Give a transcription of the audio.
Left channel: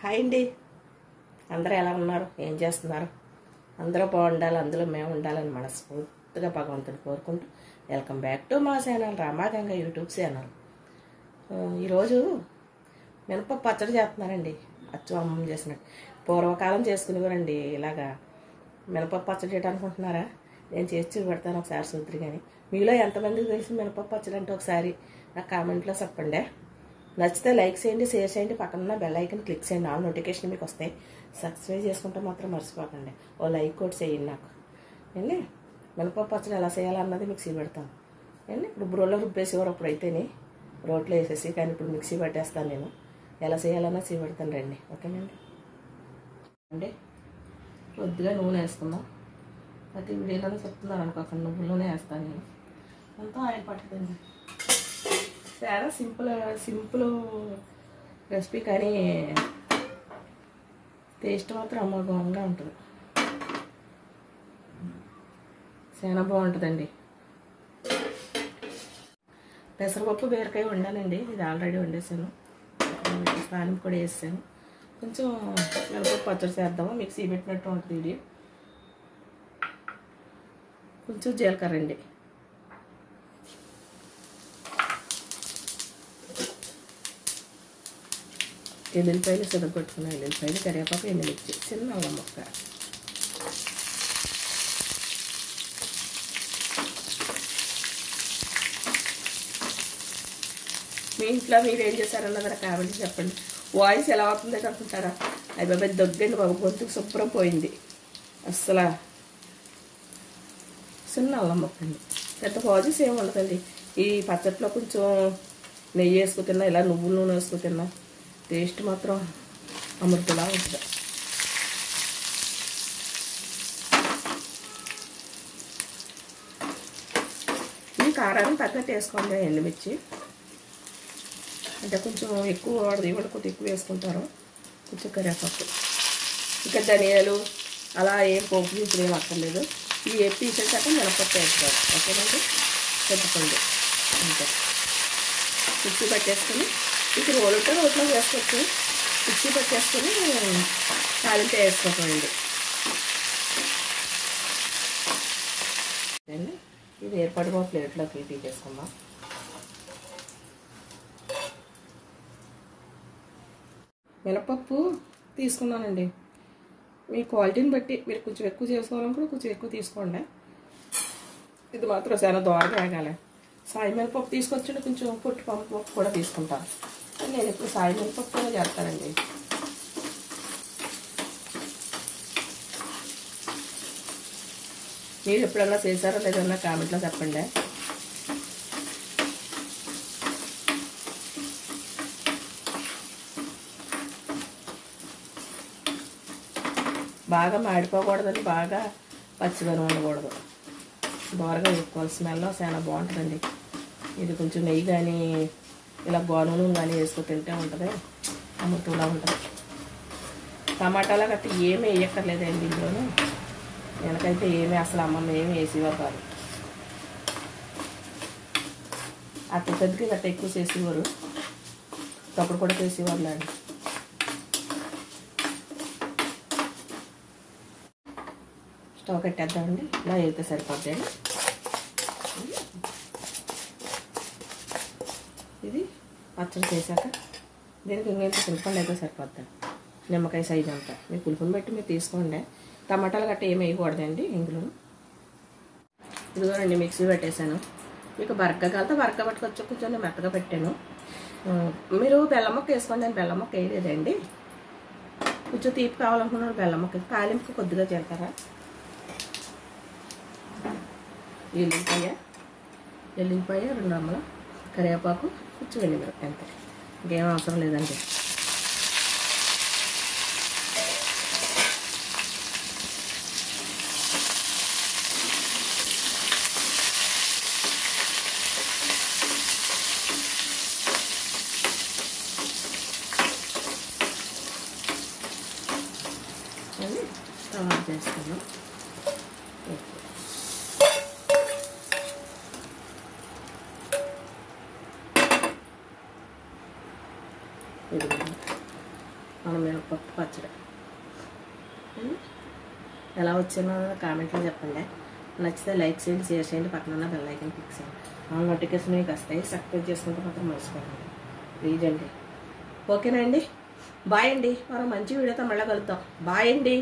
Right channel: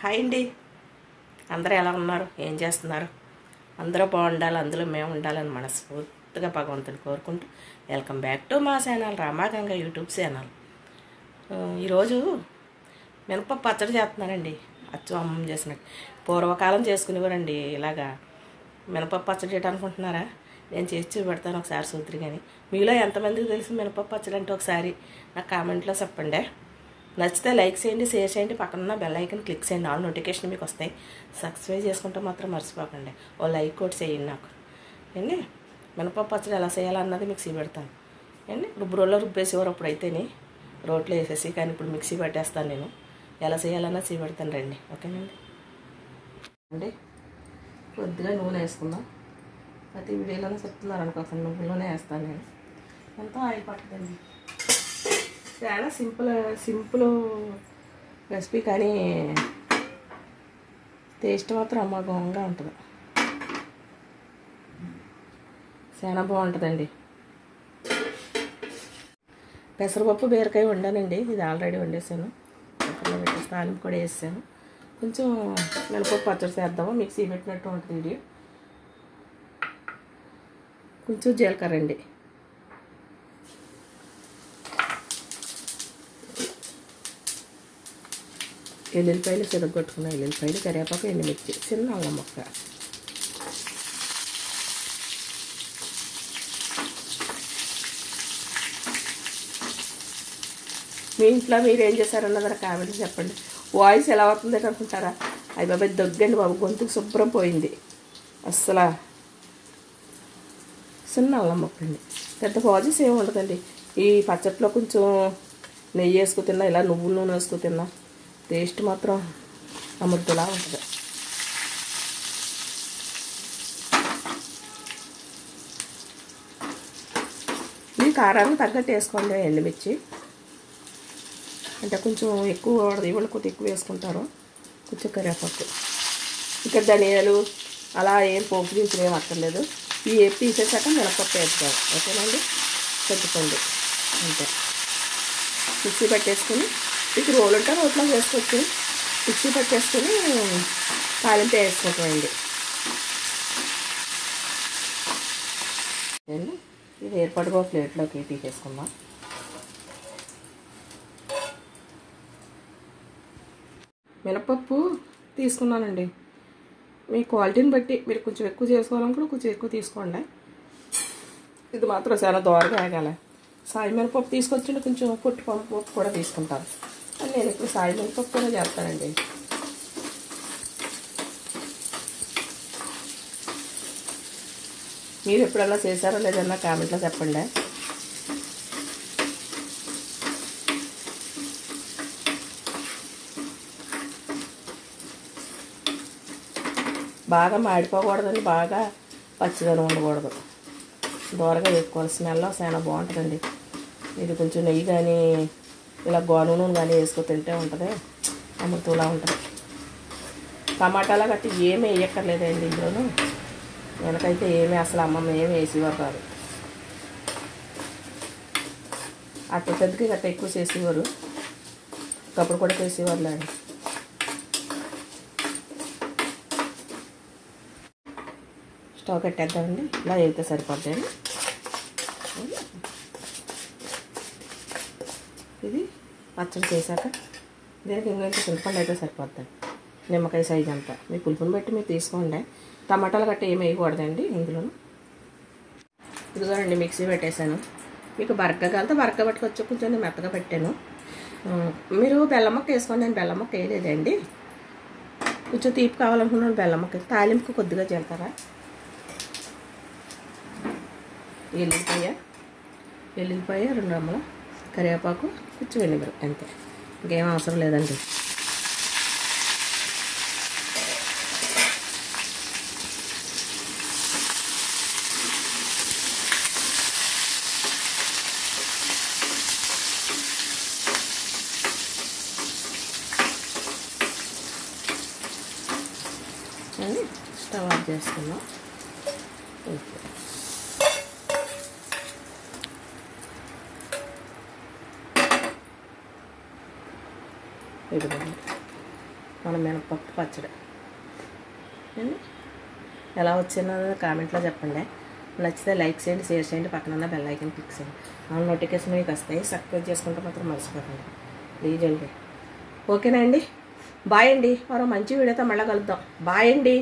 Hi అండి. అందరూ ఎలా ఉన్నారు? ఏం చేస్తున్నారు? అందరూ బాగుండాలి, అందులో మేము ఉండాలని మనస్ఫూర్తిగా భగవంతుని కోరుకుంటూ వెల్కమ్ బ్యాక్ టు మా ఛానల్ రామాగంగ యూట్యూబ్ ఛానల్. ఈరోజు మినపప్పు పచ్చడి చేస్తున్నానండి. అచ్చు అమ్మమ్మ చేసినట్టు పూర్వకాలం చేసుకునేవారండి. ఇలాగా మినపప్పు పచ్చడి చేయడం అనుకుంటున్నారా? నేను చేసి చూపెడతాను ఒకసారి సూత్రి. కానీ మీలో ఎంతమందికి తెలుసు మినపప్పు పచ్చడి అంటే ఒకసారి నాకు కామెంట్లో చెప్పండి. నచ్చితే లైక్ చేయండి, షేర్ చేయండి, పక్కన బెల్ ఐకన్ క్లిక్ చేయండి, ఆల్ నోటిఫికేషన్ మీకు వస్తాయి. సబ్స్క్రైబ్ చేసుకుంటే మాత్రం మర్చిపోకండి. ఓ లైక్ కూడా చేయండి నాకు. ఏంటి మినపప్పు పచ్చడి ఎలా చేయాలన్నది మిక్సీ పెడతాను. ఏంటి రుబ్బురోలో రుబ్బేసేవారు అప్పుడైతేనే రోట్లో వేసేసి, కానీ ఇప్పుడు మిక్సీ పట్టేస్తాను. నేను ఎలా చేయాలన్నా పెడతాను రండి. ఓకేనండి అండి. కొద్దిగా నూనె వేసుకుందాం. ప్రతి వీడియోలోనే చెప్తున్నాను అనుకోకుండా నువ్వులోనే వేస్తాను నేను. ఎంతో ఆయిల్ పట్టుకుంది. చాలా సింపుల్ రెసిపీ, కానీ టేస్ట్ మాత్రం అమోఘంగా ఉంటుంది. చాలా బాగుంటుందండి. పెసరపప్పు బీరకాయ వండానండి. ఇది ఆల్రెడీ వండేసాను. తాలింపు కూడా వేసాను. కొంచెం మినపప్పు పచ్చడి చేద్దాము. మిక్సీ పెట్టినట్టు ఉంటుంది వీడియో. కొంచెం జీలకర్ర అండి, ఎల్లుల్లిపాయలు సిరగొట్టుకున్న ఎల్లుల్లిపాయలు, కరివేపాకు, ఎండుమిర్చి, చిన్న అల్లం ముక్క. మీ ఇంట్లో మీరు ఏం చేశారన్న కూడా కామెంట్ చెప్పండి. వాయిస్ ఎలా అవుతుంది అనుకుంటారా? అయ్యి బాబాయ్ దగ్గండి బాబు, గొంతుకు శుభ్రం పోయింది అస్సలు. చిన్న అల్లం ముక్క అండి. పెద్ద ప్రాసెస్ ఏమి ఉండదండి. ఈ పచ్చట్లో కొంచెం నెయ్యి వేసుకు తిన్నా, ఇలా నువ్వుల నూనె వేసుకు తిన్నా టేస్ట్ మాత్రం అమృతలా ఉంటుంది. ఈ కారం తగ్గట్టు వేసుకోండి. ఎండుమిర్చి అంటే కొంచెం ఎక్కువ వాడదు, ఇవాళ కొద్దిగా ఎక్కువ వేసుకుంటారు. కొంచెం కరివేపాకు, ఇక్కడ ధనియాలు అలా ఏం పోపు దించులు ఏం అక్కర్లేదు. ఈ ఏపీ తీసేసాక మినపప్పు వేసుకోవాలి. ఓకేనండి. పెట్టుకోండి అంతే. మిక్సీ పట్టేసుకొని, మీకు రోలు ఉంటే రోట్లో వేసుకోవచ్చు. మిక్సీ పట్టేసుకొని తాలింపు వేసుకోకండి. ఇది ఏర్పడిపో ప్లేట్లోకి తీసేసుకుందాం. మినపప్పు తీసుకున్నానండి. మీ క్వాలిటీని బట్టి మీరు కొంచెం ఎక్కువ చేసుకోవాలనుకుంటే కొంచెం ఎక్కువ తీసుకోండి. ఇది మాత్రం చాలా దోరగా ఆగాలి. సాయి మినపప్పు తీసుకొచ్చి కొంచెం పొట్టు పప్పు కూడా తీసుకుంటాను. నేను ఇప్పుడు సాయి మినపప్పు కూడా చేస్తానండి. మీరు ఎప్పుడన్నా చేశారో లేదన్నా కామెంట్లో చెప్పండి. బాగా మాడిపోకూడదండి, బాగా పచ్చిదనం ఉండకూడదు. దోరగా వేసుకోవాలి. స్మెల్ చాలా బాగుంటుందండి. ఇది కొంచెం నెయ్యి కానీ ఇలా గోను నూనె కానీ వేసుకు తింటే ఉంటుంది, అమృతంలా ఉంటుంది. టమాటాలు గట్టి ఏమీ వేయక్కర్లేదండి ఇందులోనూ. వెనకైతే ఏమీ అసలు అమ్మమ్మ ఏమి వేసేవారు కాదు. అట్ట పెద్దకి గట్ట ఎక్కువ చేసేవారు, ఒకప్పుడు కూడా చేసేవారు లేదు. స్టవ్ కట్టేద్దామండి. ఇలా అయితే సరిపోతాయి. ఇది పచ్చడి చేశాక దీనికి ఇంకొంచెం చింతపండు అయితే సరిపోద్దాం. నిమ్మకాయ సైజ్ అంతా మీ పులుపుని బట్టి మీరు తీసుకోండి. టమాటాలు గట్ట ఏమి వేయకూడదండి ఇందులో. ఇదిగోనండి మిక్సీ పెట్టేశాను. మీకు బరక కలితే బరక పట్టుకొచ్చి కొంచెం మెత్తగా పెట్టాను. మీరు బెల్లం ముక్క వేసుకోండి. నేను బెల్లం ముక్క వేయలేదండి. కొంచెం తీపి కావాలనుకున్నాను బెల్లం ముక్క. తాలింపుకి కొద్దిగా జీలకర్ర, ఎల్లుల్లిపాయ 2 రెమ్మలు, కరివేపాకు, కొంచెం వెనిగర్, అంతే. ఇంకేం అవసరం లేదండి. స్టవ్ ఆఫ్ చేసుకున్నాం. మన మినపప్పు పచ్చడి. ఎలా వచ్చిందో కామెంట్లో చెప్పండి. నచ్చితే లైక్ చేయండి, షేర్ చేయండి, పక్కన బెల్ ఐకాన్ క్లిక్ చేయండి. మన నోటిఫికేషన్ మీకు వస్తాయి. సబ్స్క్రైబ్ చేసుకుంటే మాత్రం మర్చిపోకండి ప్లీజ్ అండి. ఓకేనా అండి? బాయ్ అండి. మరో మంచి వీడియోతో మళ్ళీ కలుద్దాం. బాయ్ అండి.